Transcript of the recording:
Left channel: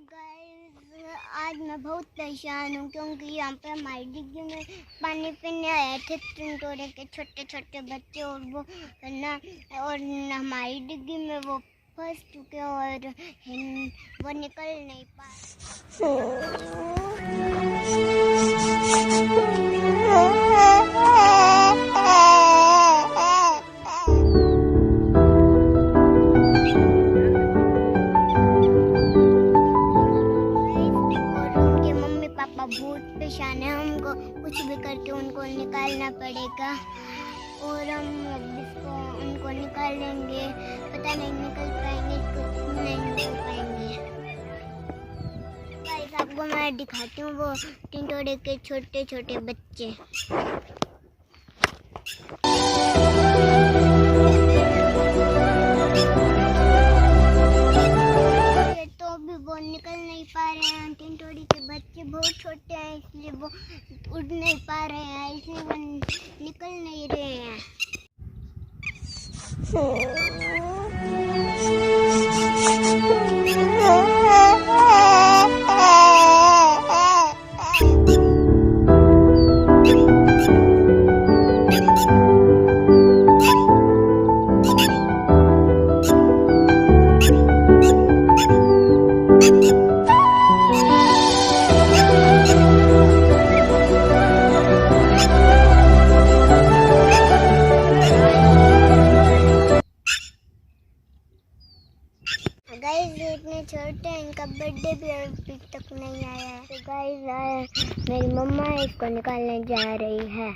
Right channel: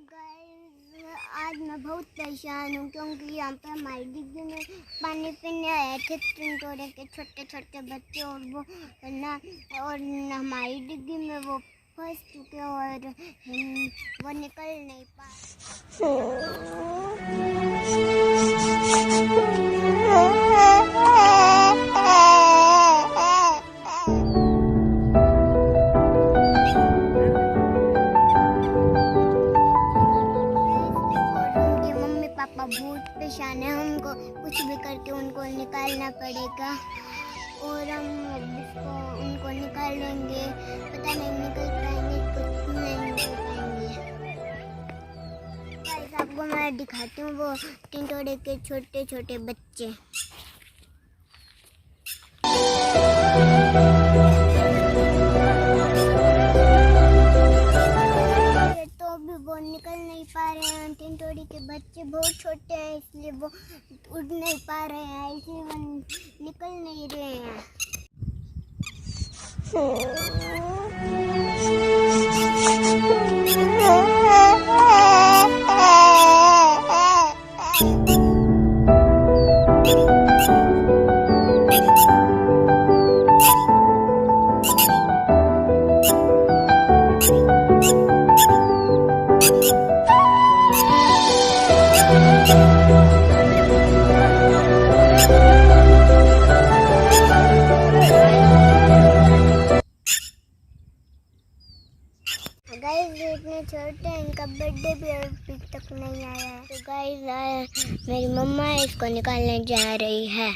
Guys, आज मैं बहुत परेशान हूँ क्योंकि यहाँ पे हमारी डिग्गी में पानी पीने आए थे टिंटोरे के छोटे छोटे बच्चे और वो ना और हमारी डिग्गी में वो फंस चुके और वो निकल नहीं पापा बहुत परेशान है। हमको कुछ भी करके उनको निकालना पड़ेगा और हम उनको निकालेंगे। पता नहीं निकल पाएंगे, कुछ नहीं निकल पाएंगे। गाइस, आपको मैं दिखाती हूँ वो टिंटोरे के छोटे छोटे बच्चे। वो निकल नहीं पा रहे हैं। टिंटोरे के बच्चे बहुत छोटे हैं इसलिए वो उड़ नहीं पा रहे हैं, इसलिए वो निकल नहीं रहे हैं। गाइस, इतने छोटे हैं, इनका बर्थडे भी अभी तक नहीं आया है। तो गाइस, मेरी मम्मा इसको निकालने जा रही है।